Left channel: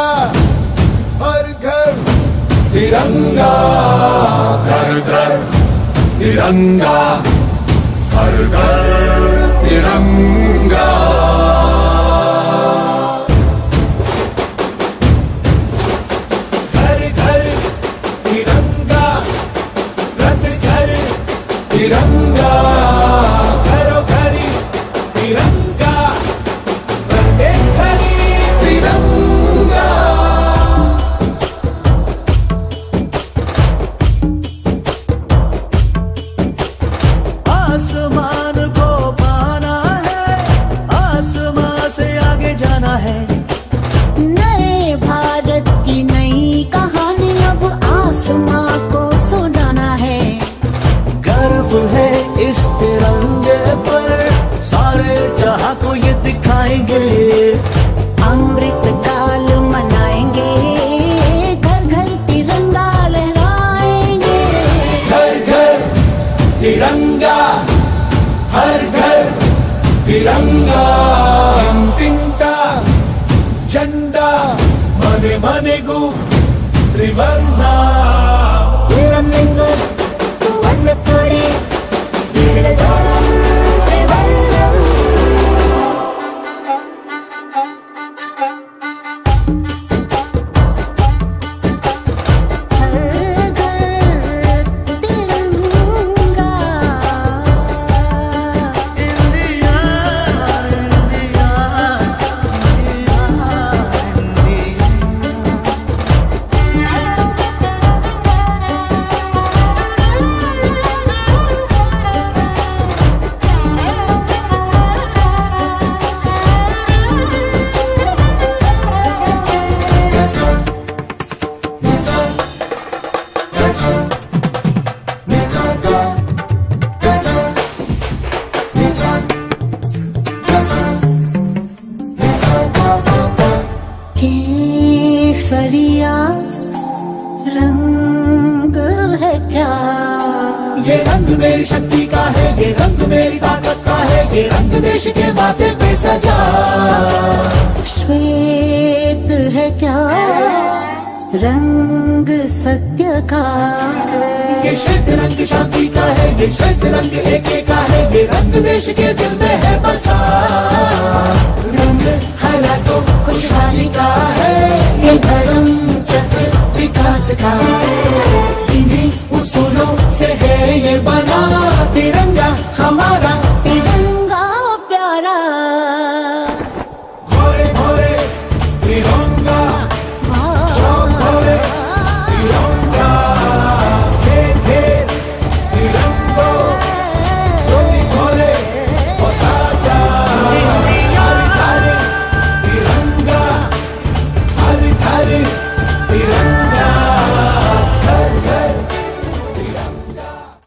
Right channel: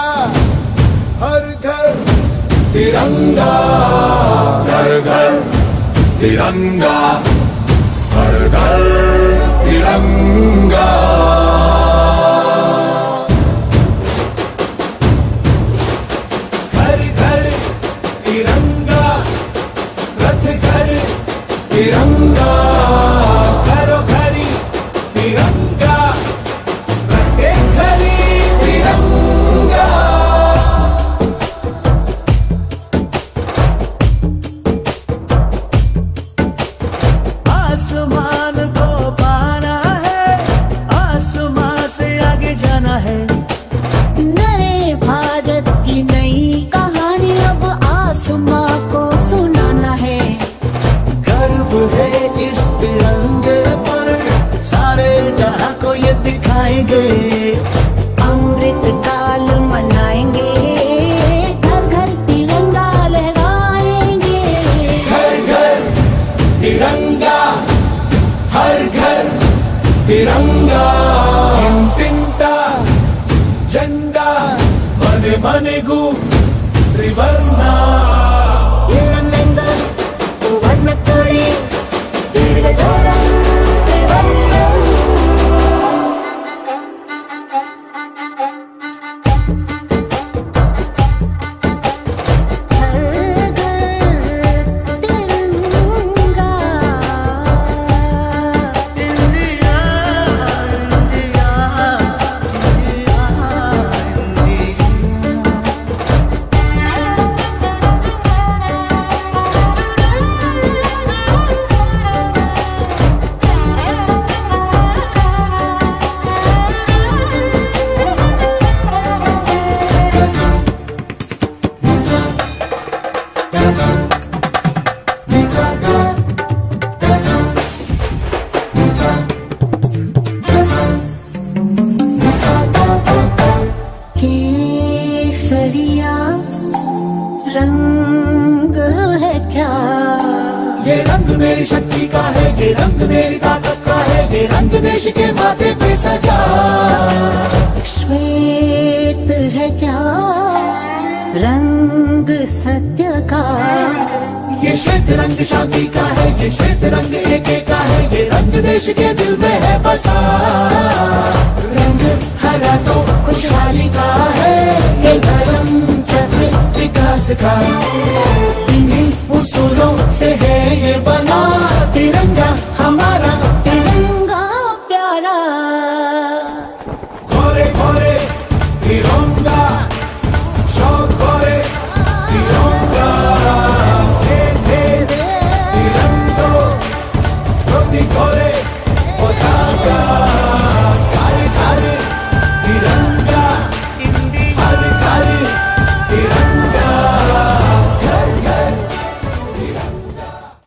तिरंगा, हर घर तिरंगा, घर घर तिरंगा, हर घर तिरंगा। घर घर तिरंगा, रथ घर तिरंगा, घरों घरी तिरंगा, प्रत्येक घरी तिरंगा। आसमान को पाना है, आसमान से आगे जाना है। नए भारत की नई कहानी अब आसमां को सुनाना है। गर्व है इस तिरंगे पर, सारे जहां को ये दिखाएंगे। अमृत काल मनाएंगे, घर घर तिरंगा लहराएंगे। घर घर तिरंगा, हर घर तिरंगा, तिंटा झंडा मने मने गु त्रिवर्णा। केसरिया रंग है क्या? ये रंग मेरी शक्ति का है, ये रंग मेरी ताकत का है, ये रंग देश के माथे पे सजा। श्वेत है क्या रंग सत्य का? ये श्वेत रंग शांति का है, ये श्वेत रंग एके का है, ये रंग देश के दिल में है बसा। रंग हरा तो खुशहाली का है, ये धर्म चक्र विकास का। इन्हीं उसूलों से है ये बना तिरंगा हमारा, तिरंगा।